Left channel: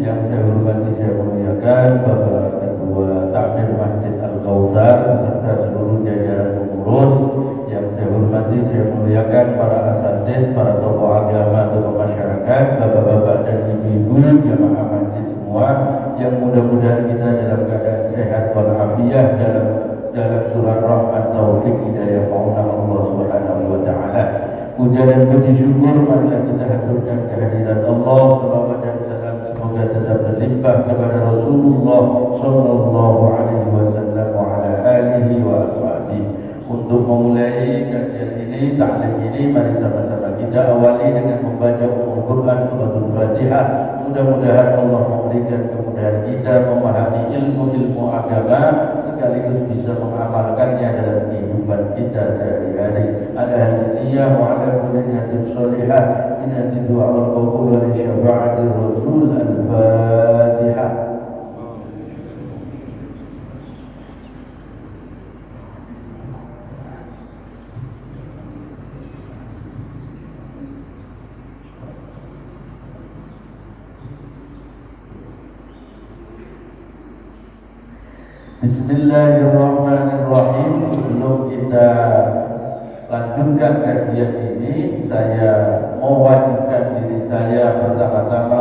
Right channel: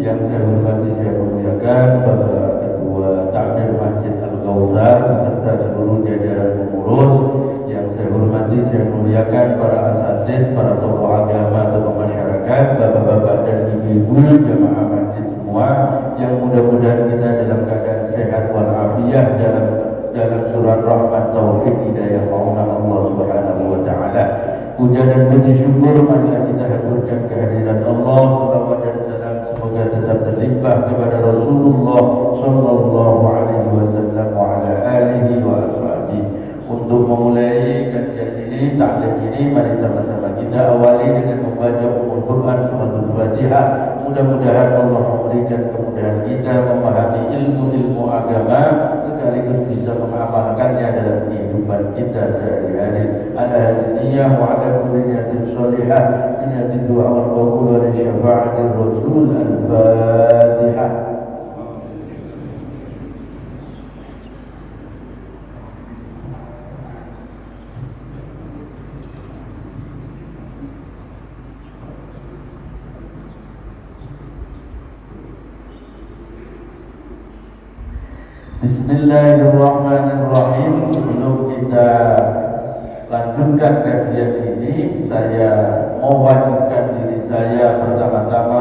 yang saya hormati, saya muliakan Bapak Ketua Takmir Masjid Al-Kautsar beserta seluruh jajaran pengurus. Yang saya hormati, saya muliakan para asatidz, para tokoh agama, tokoh masyarakat, bapak-bapak dan ibu-ibu jamaah masjid semua, yang mudah-mudahan kita dalam keadaan sehat walafiat dalam surat rahmat taufik hidayah maula Allah Subhanahu wa taala. Puja dan puji syukur marilah kita haturkan kehadirat Allah. Salawat dan salam semoga tetap terlimpah kepada Rasulullah sallallahu alaihi wasallam wa ala alihi wa ashabihi. Untuk memulai kajian ini, taklim ini, mari sama-sama kita awali dengan membaca doa suratul Fatihah. Mudah-mudahan Allah memberikan kemudahan kita memahami ilmu-ilmu agama sekaligus bisa mengamalkannya dalam kehidupan kita sehari-hari. Alhamdulillah wa ala kulliyatin sholihah minati du'a wal qabul wa syafa'atir rasul. Al-Fatihah. Bismillahirrahmanirrahim. Sebelum kita lanjutkan kajian ini, saya mewajibkan diri saya pertama-tama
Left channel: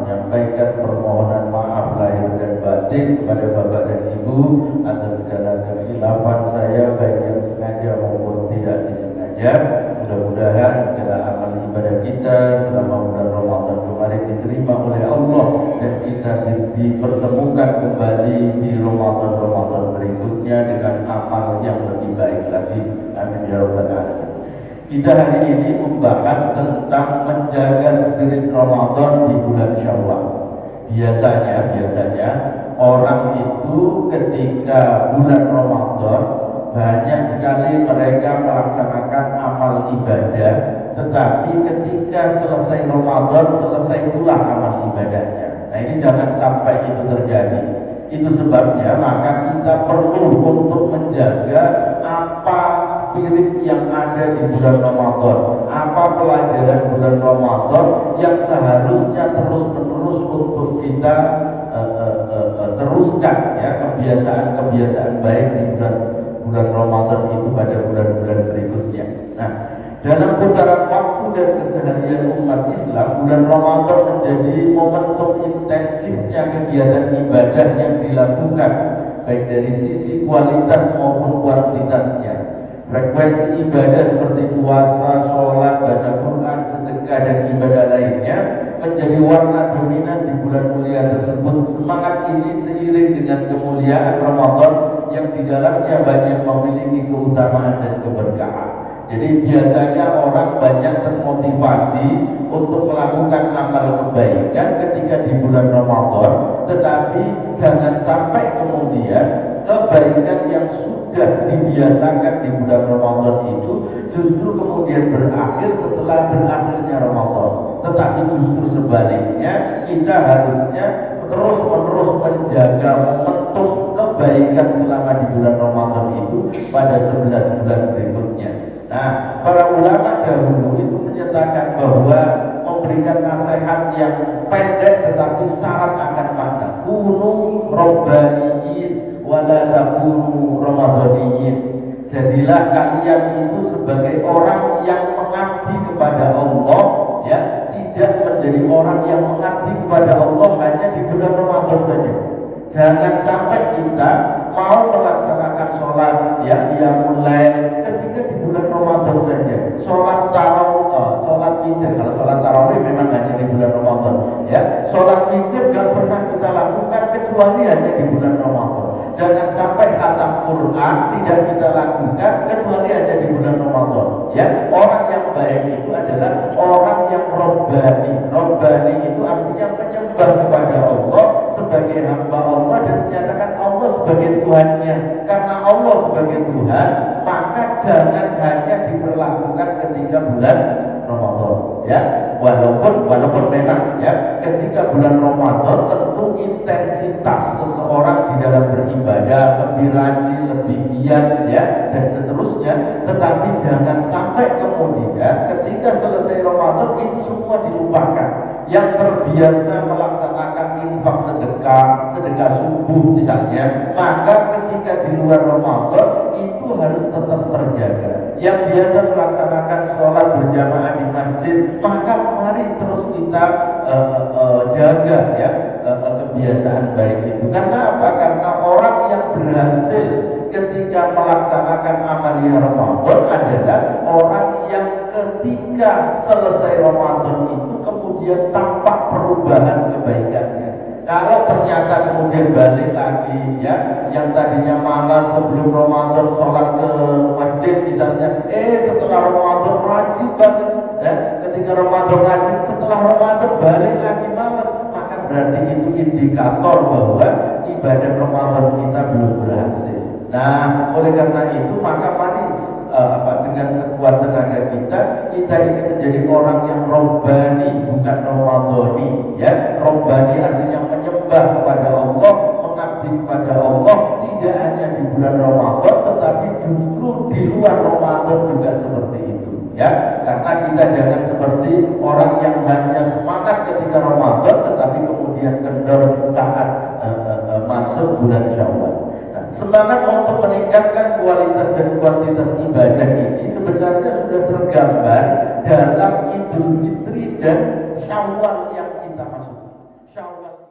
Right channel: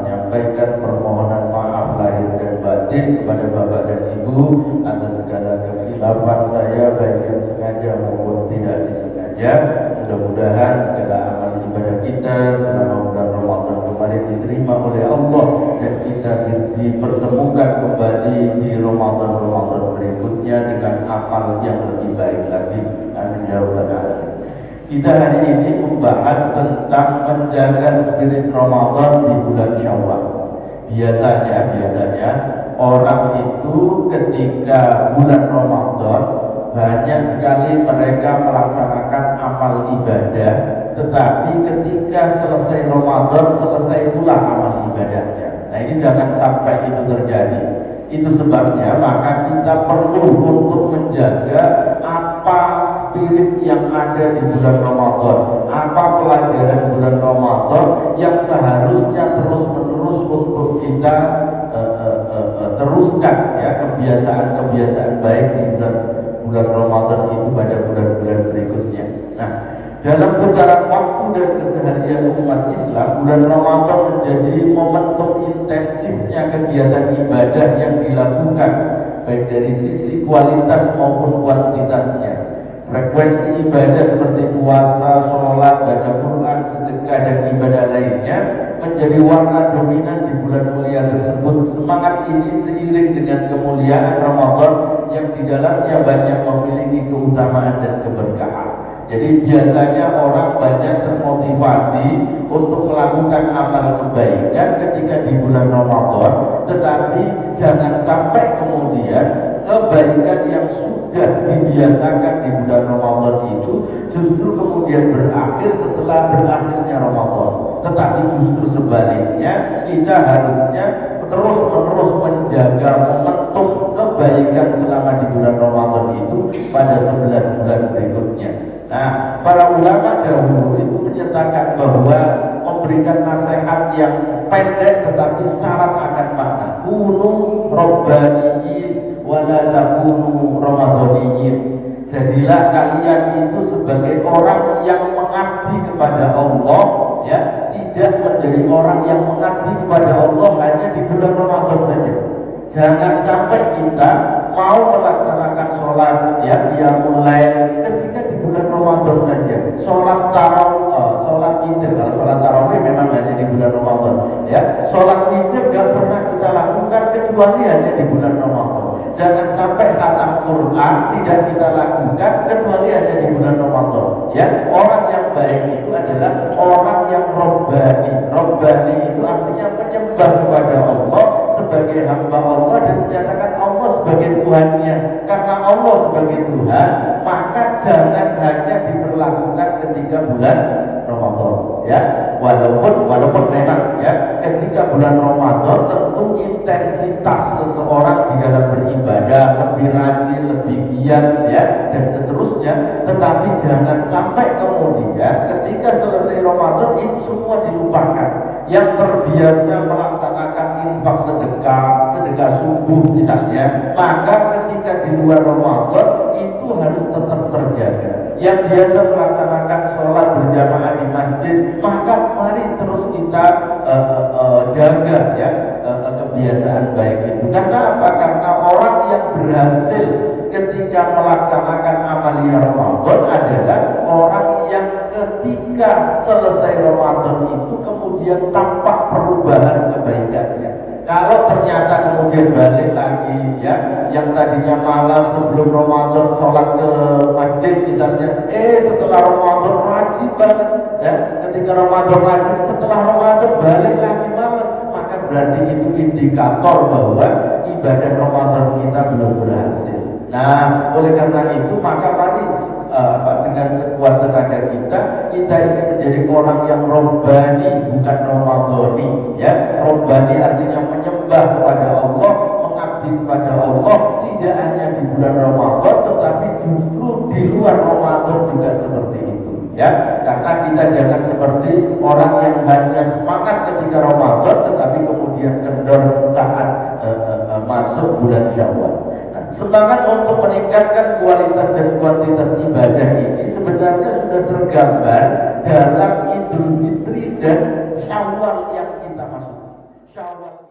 menyampaikan permohonan maaf lahir dan batin kepada Bapak dan Ibu atas segala kekhilafan saya, baik yang sengaja maupun tidak disengaja. Mudah-mudahan segala amal ibadah kita selama bulan Ramadan kemarin diterima oleh Allah dan kita dipertemukan kembali di Ramadan berikutnya dengan amal yang lebih baik lagi. Amin ya rabbal alamin. Kita hari ini membahas tentang menjaga spirit Ramadan di bulan Syawal. Biasanya orang itu ketika bulan Ramadan banyak sekali mereka melaksanakan amal ibadah, tetapi ketika selesai Ramadan, selesai pula amal ibadahnya. Nah, ini jangan sampai itu terjadi. Itu sebabnya maka kita perlu untuk menjaga apa spirit yang ada di bulan Ramadan, apa pelajaran bulan Ramadan yang seharusnya terus-menerus untuk kita teruskan, ya, kebiasaan-kebiasaan baik di bulan Ramadan itu pada bulan-bulan berikutnya. Nah, dalam putaran waktu dan keseharian umat Islam, bulan Ramadan menjadi momentum intensifnya kegiatan ibadah yang dilakukan, baik dari sisi kualitas maupun kuantitasnya. Frekuensi ibadah seperti puasa, sholat, baca Quran, sedekah dan ibadah lainnya menjadi warna dominan di bulan mulia tersebut. Semangat ini seiring dengan kemuliaan Ramadan yang di dalamnya banyak memiliki keutamaan dan keberkahan. Jadi biasanya orang banyak termotivasi untuk melakukan amal kebaikan ketika di bulan Ramadan, tetapi jangan sampai kemudian kebaikan yang sudah dibiasakan di bulan Ramadan itu justru kemudian berakhir setelah berakhirnya Ramadan. Tetapi justru sebaliknya, kita harusnya terus-menerus menjaga momentum kebaikan selama di bulan Ramadan itu pada 11 bulan berikutnya. Nah, para ulama dahulu itu menyatakan bahwa memberikan nasihat yang pendek tetapi syarat akan makna. Kunu robbaniyin wala takunu ramadhaniyin. Jadilah kalian itu sebagai orang yang mengabdi kepada Allah, ya, tidak menjadi orang yang mengabdi kepada Allah hanya di bulan Ramadan saja. Jangan sampai kita mau melaksanakan sholat, ya, yang mulai ketika di bulan Ramadan saja. Sholat tarawih, sholat witir, kalau sholat tarawih memang hanya di bulan Ramadan, ya. Sholat witir tidak pernah kita lakukan kecuali hanya di bulan Ramadan. Jangan sampai khatam Quran tidak kita lakukan kecuali hanya di bulan Ramadan, ya. Orang yang baik itu adalah orang yang robbani. Robbani itu artinya menyembah kepada Allah sebagai hamba Allah dan menyatakan Allah sebagai Tuhannya. Karena Allah sebagai Tuhan, maka jangan hanya diberlakukan ketika bulan Ramadan, ya. Walaupun memang, ya, ketika bulan Ramadan tentu intensitas seseorang di dalam beribadah lebih rajin, lebih giat, ya, dan seterusnya. Tetapi jangan sampai kemudian ketika selesai Ramadan itu semua dilupakan. Yang terbiasa melaksanakan subuh misalnya, maka ketika di luar Ramadan itu harus tetap terjaga. Yang biasa melaksanakan sholat berjamaah di masjid, maka mari terus kita jaga ya kebiasaan baik itu. Karena apa? Karena orang yang berhasil ketika melaksanakan amalia Ramadan adalah orang yang ketika selesai Ramadan itu kemudian tampak perubahan kebaikannya. Kalau ternyata kemudian balik lagi ya, yang tadinya malas sebelum Ramadan sholat ke masjid misalnya, setelah Ramadan rajin banget ya, ketika Ramadan rajin, setelah Ramadan balik lagi malas, maka berarti itu indikator bahwa ibadah Ramadan kita belum berhasil. Nah, oleh karena itu maka mari dengan sekuat tenaga kita ingin menjadi orang yang robbani, bukan ramadhani ya. Robbani artinya menyembah kepada Allah, mengabdi kepada Allah, tidak hanya di bulan Ramadan tetapi justru di luar Ramadan juga seperti itu ya. Karena kita jangan seperti orang yang hanya semangat ketika Ramadan tetapi kemudian kendor saat masuk bulan Syawal. Semangat untuk meningkatkan kualitas dan kuantitas ibadah ini sebenarnya sudah tergambar dalam Idul Fitri dan Syawal yang kita masuk. Syawal